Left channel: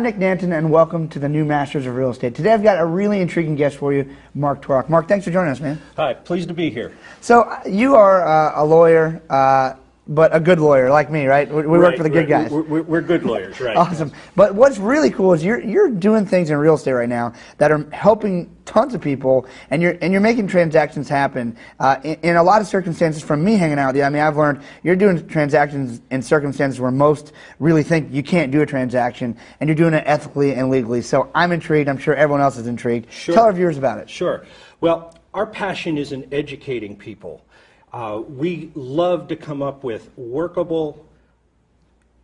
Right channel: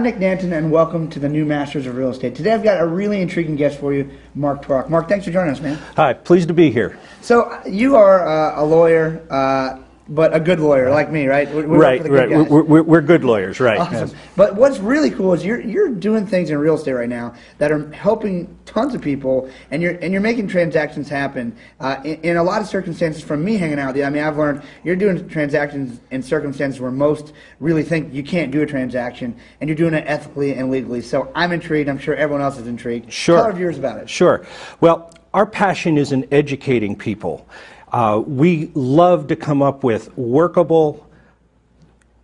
I'm Nick Nanton, and welcome to the New Masters of Real Estate. Today I've got a really intriguing guest for you, Mark Torok. Mark, thanks for joining us, man. Hi, pleased to be here. So you are a lawyer, but a good lawyer like me, right? We work for the good guys. We're good lawyers, right. Awesome. Yes. But what's really cool is you're doing things in real estate right now that are helping tons of people, and you're making transactions happen in a lot of circumstances. From me hanging out with you, I mean, I've learned you're doing transactions in circumstances where most really think you can't do a transaction, and you're doing it ethically and legally. So I'm intrigued. I'm sure everyone else is intrigued. Sure. Tell our viewers about it. Sure. Well, our passion is in educating people. We love to come up with workable,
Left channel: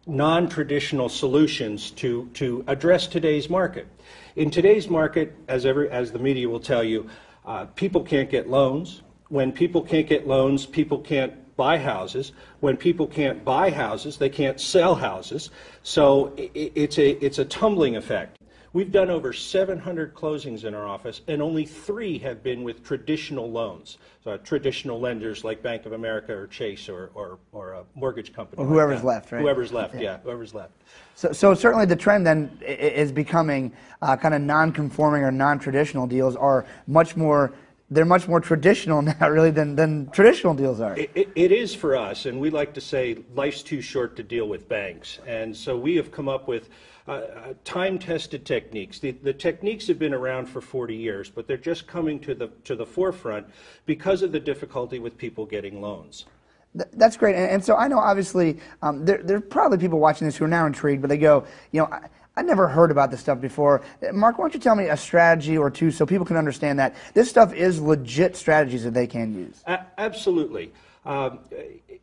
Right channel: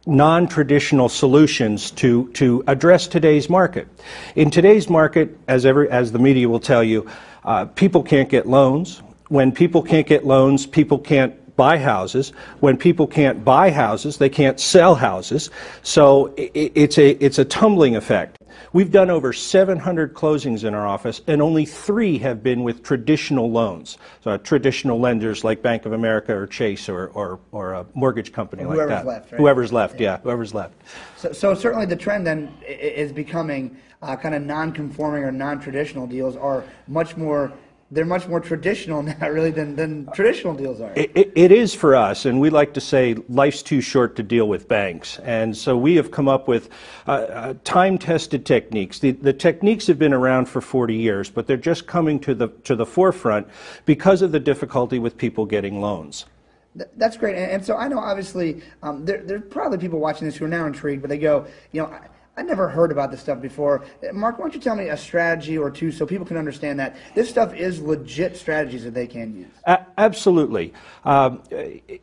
non-traditional solutions to address today's market. In today's market, as the media will tell you, people can't get loans. When people can't get loans, people can't buy houses. When people can't buy houses, they can't sell houses. So it's a tumbling effect. We've done over 700 closings in our office, and only 3 have been with traditional loans. So traditional lenders like Bank of America or Chase or a mortgage company like that. Whoever's left, right? Whoever's left, yeah, whoever's left. So certainly the trend then is becoming kind of non-conforming or non-traditional deals are much more. They're much more traditional now, really, than traditional deals are. It is for us, and we like to say life's too short to deal with banks. And so we have come up with time-tested techniques. The techniques have been around for 40 years, but they're just coming to the forefront because of the difficulty with people getting loans. That's great. And so I know, obviously, there are probably people watching this who are now intrigued, but they go, you know, I never heard about this stuff before. Mark, why don't you tell me a strategy or two so people can understand that this stuff is legit strategies that they can use? Absolutely.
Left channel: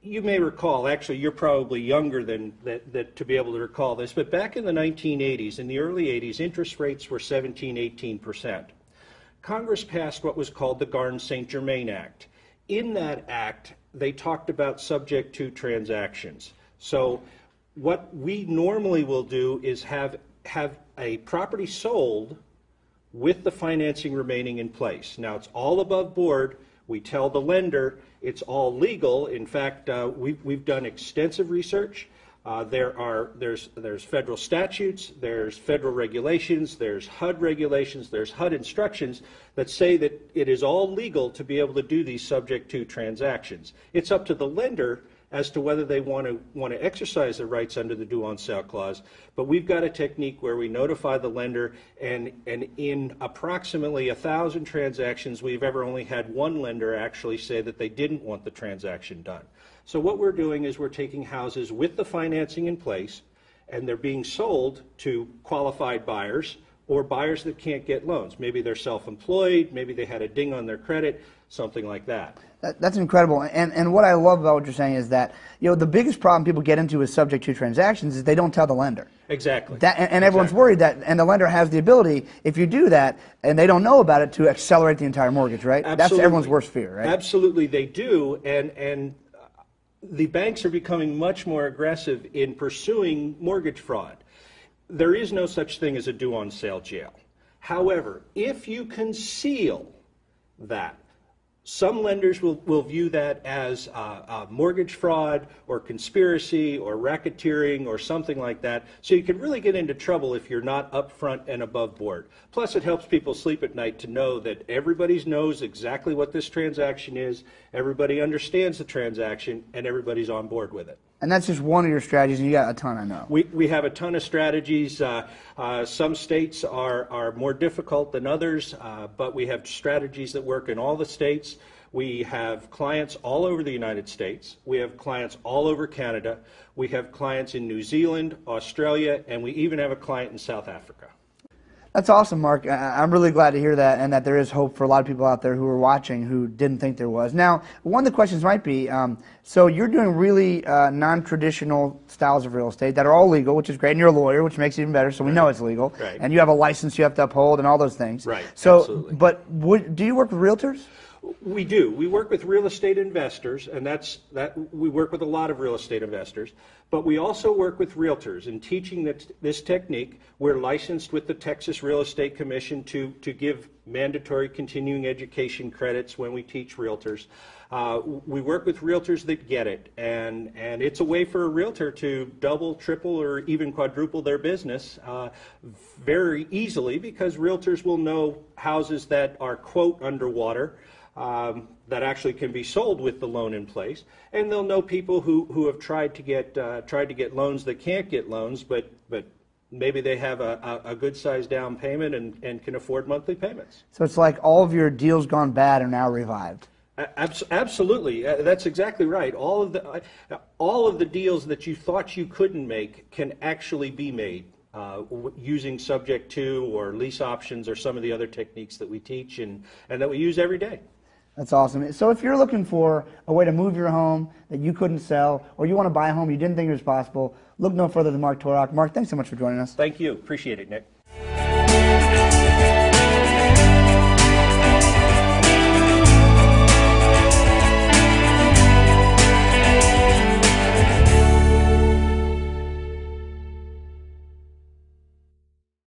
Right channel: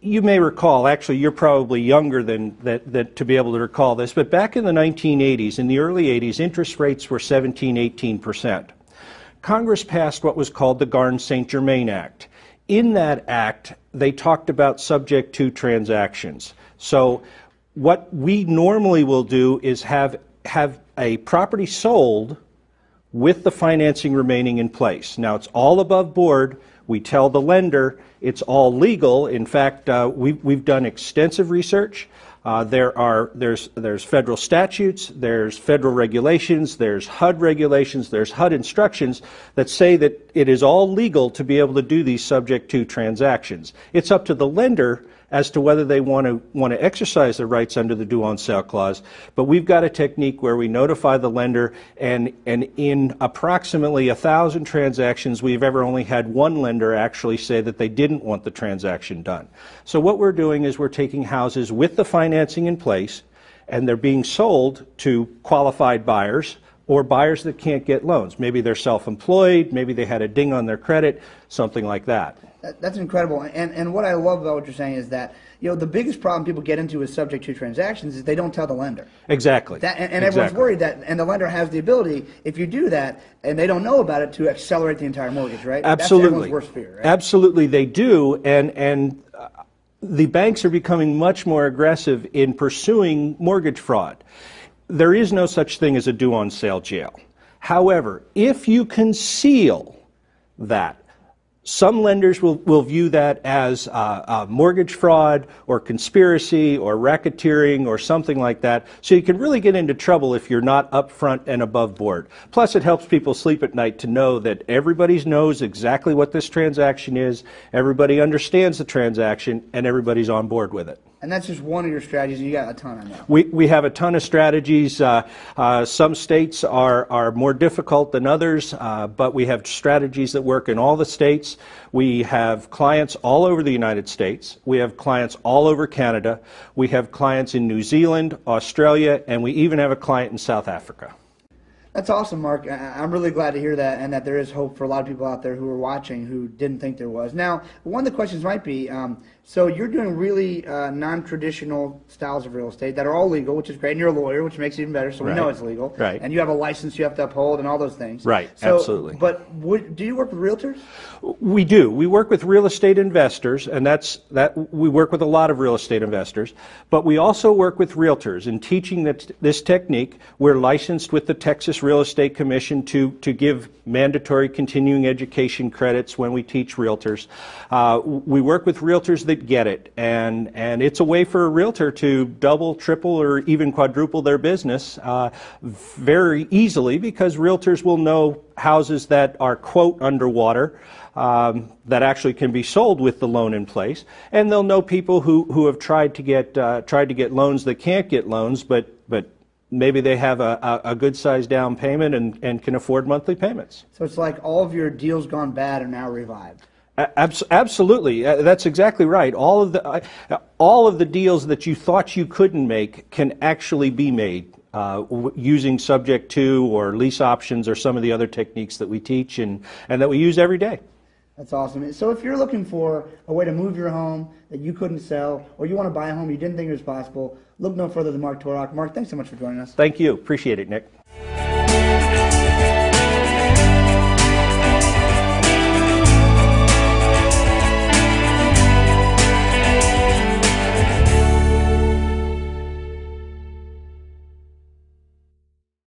You may recall, actually you're probably younger than that to be able to recall this, but back in the 1980s, in the early 80s, interest rates were 17–18%. Congress passed what was called the Garn-St. Germain Act. In that act, they talked about subject to transactions. So what we normally will do is have a property sold with the financing remaining in place. Now, it's all above board. We tell the lender it's all legal. In fact, we've done extensive research. There's federal statutes, there's federal regulations, there's HUD regulations, there's HUD instructions that say that it is all legal to be able to do these subject to transactions. It's up to the lender as to whether they want to exercise their rights under the due on sale clause. But we've got a technique where we notify the lender, and in approximately 1,000 transactions, we've ever only had one lender actually say that they didn't want the transaction done. So what we're doing is we're taking houses with the financing in place, and they're being sold to qualified buyers or buyers that can't get loans. Maybe they're self-employed, maybe they had a ding on their credit, something like that. That's incredible. And what I love about what you're saying is that, you know, the biggest problem people get into with subject to transactions is they don't tell the lender. Exactly. And everyone's worried that, and the lender has the ability, if you do that, and they don't know about it, to accelerate the entire mortgage, right? Absolutely. That's everyone's worst fear, right? Absolutely, they do. And the banks are becoming much more aggressive in pursuing mortgage fraud. There is no such thing as a due on sale jail. However, if you conceal that, some lenders will view that as mortgage fraud or conspiracy or racketeering or something like that. So you can really get into trouble if you're not upfront and above board. Plus, it helps people sleep at night to know that everybody knows exactly what this transaction is, everybody understands the transaction, and everybody's on board with it. And that's just one of your strategies, and you got a ton, I know. We have a ton of strategies. Some states are more difficult than others, but we have strategies that work in all the states. We have clients all over the United States. We have clients all over Canada. We have clients in New Zealand, Australia, and we even have a client in South Africa. That's awesome, Mark. I'm really glad to hear that, and that there is hope for a lot of people out there who are watching who didn't think there was. Now, one of the questions might be, so you're doing really non-traditional styles of real estate that are all legal, which is great, and you're a lawyer, which makes it even better, so we know it's legal. Right. And you have a license you have to uphold and all those things. Right, so, absolutely. But do you work with realtors? We do. We work with real estate investors, and we work with a lot of real estate investors, but we also work with realtors in teaching this technique. We're licensed with the Texas Real Estate Commission to give mandatory continuing education credits when we teach realtors. We work with realtors that get it, and it's a way for a realtor to double, triple, or even quadruple their business very easily, because realtors will know houses that are, quote, underwater, that actually can be sold with the loan in place, and they'll know people who have tried to get loans that can't get loans, but maybe they have a good sized down payment and can afford monthly payments. So it's like all of your deals gone bad are now revived. Absolutely, that's exactly right. All of the deals that you thought you couldn't make can actually be made using subject to or lease options or some of the other techniques that we teach and that we use every day. That's awesome. So if you're looking for a way to move your home that you couldn't sell, or you want to buy a home you didn't think it was possible, look no further than Mark Torok. Mark, thanks so much for joining us. Thank you. Appreciate it, Nick.